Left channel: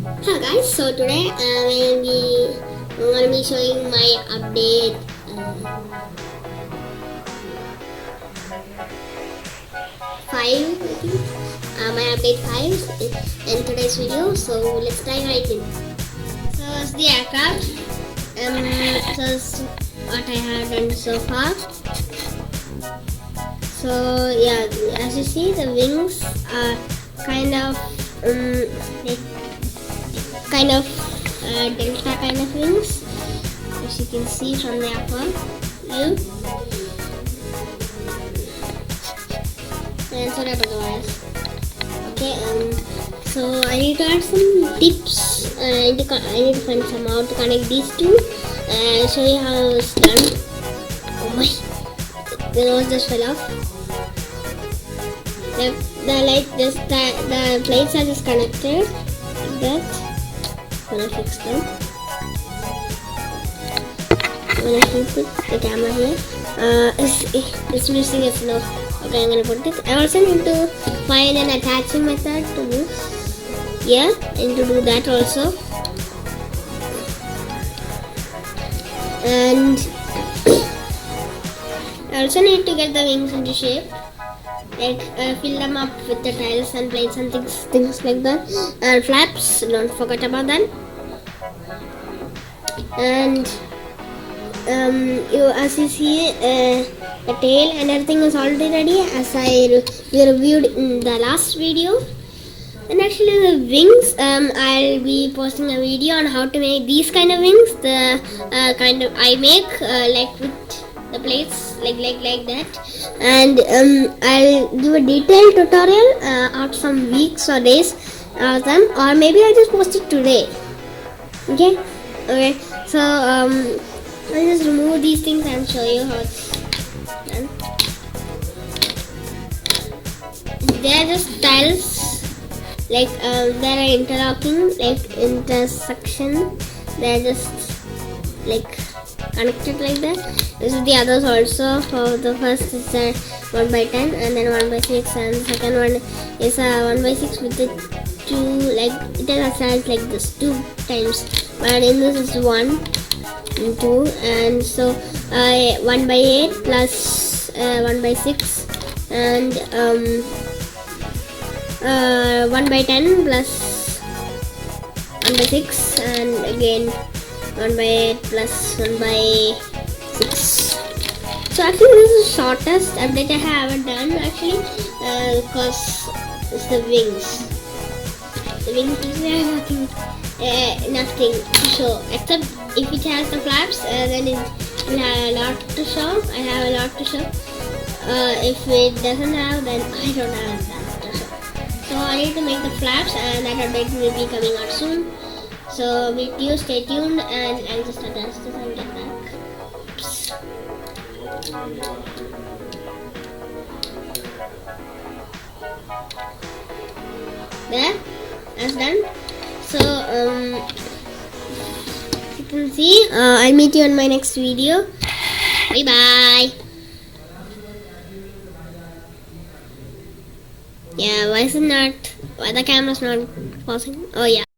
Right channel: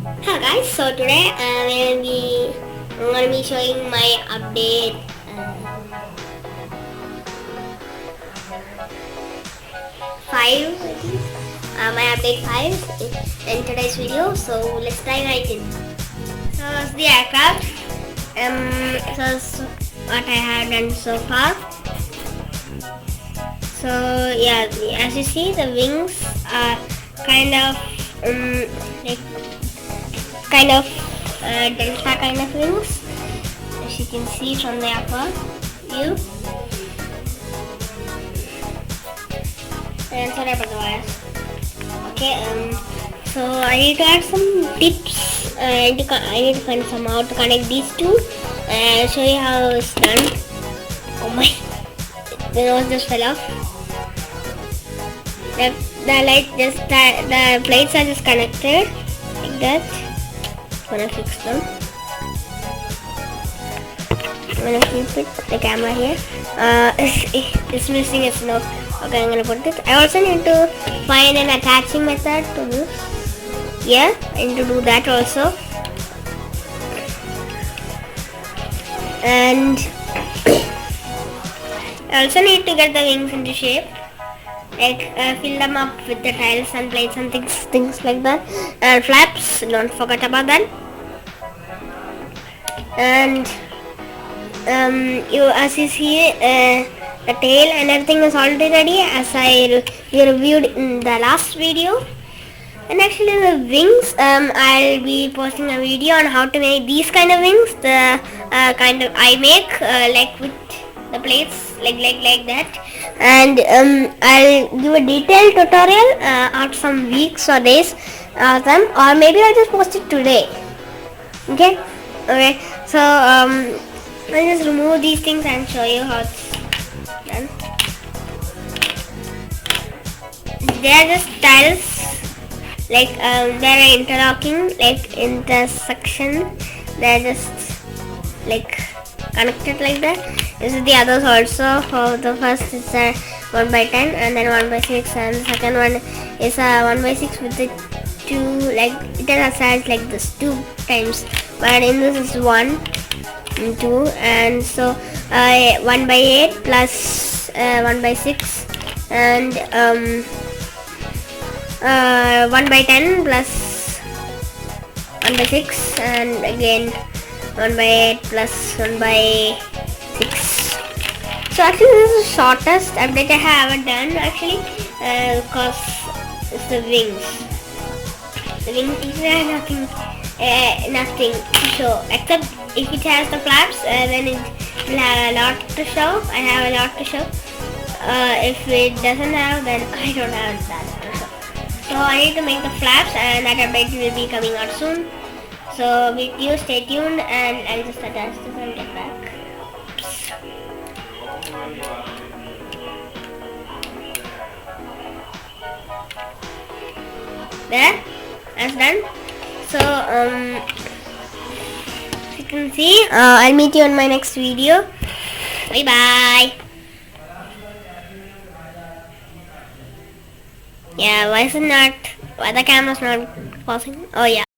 Hello guys, so today I'm gonna be showing my update 5 I think. My update 5 in today's video, so let's dive right in. So it's the aircraft. So it's what I have done so far. So yeah, as you see, the wings are kind of like delta kind of wings, as you can see from the upper view. And sorry about the wires. Okay, so I need to add some tips. I need to find some how to connect these two. And I'll show you how it's done. Oh my, the nose just fell off. The plates are just connected like that. Gonna fix them. I'm gonna keep the camera here. It's missing its nose. Okay, I'm gonna put it. I also need to find an attaching method to this. Yeah, I need to do that also. And I also need to get the wings into shape. Like fill them up with the tiles and plates and things like that. And flaps, don't forget about that. And as you see, the tail and everything is already ready, as we reviewed in the last video. And actually the wings, I'll be posting a video on how to make these kind of wings. The kind of I make like with the plates like that. And I'll give a detailed tutorial after some weeks or days of them, or maybe I'll just post it today. Okay. So I'll just remove these things and show you how it's done. They are just tiles, like they are interlocking, like intersection. They are just like connected like that. This is the others also. For the first is a 1/10 and then 1/6, and the second one is a 1/6 with the two, like it has a size like this 2 times, but in this is 1 and 2, and so 1/8 plus 1/6 and 1/10 plus 1/6 and again 1/8 plus 1/6. So actually this is the shortest update I have ever done actually, because it's the wings. The wings have nothing to show, except if it has the flaps, then it will have a lot to show. I have a lot to show. If it doesn't have, then I don't have that to show. So I need to make the flaps, and that update will be coming out soon. So with you, stay tuned, and I'll just attach this and get back. Oops. There, that's done. So you can see, I'll meet you on my next video. Bye bye. Yeah, why the camera's not pausing? Oh yeah.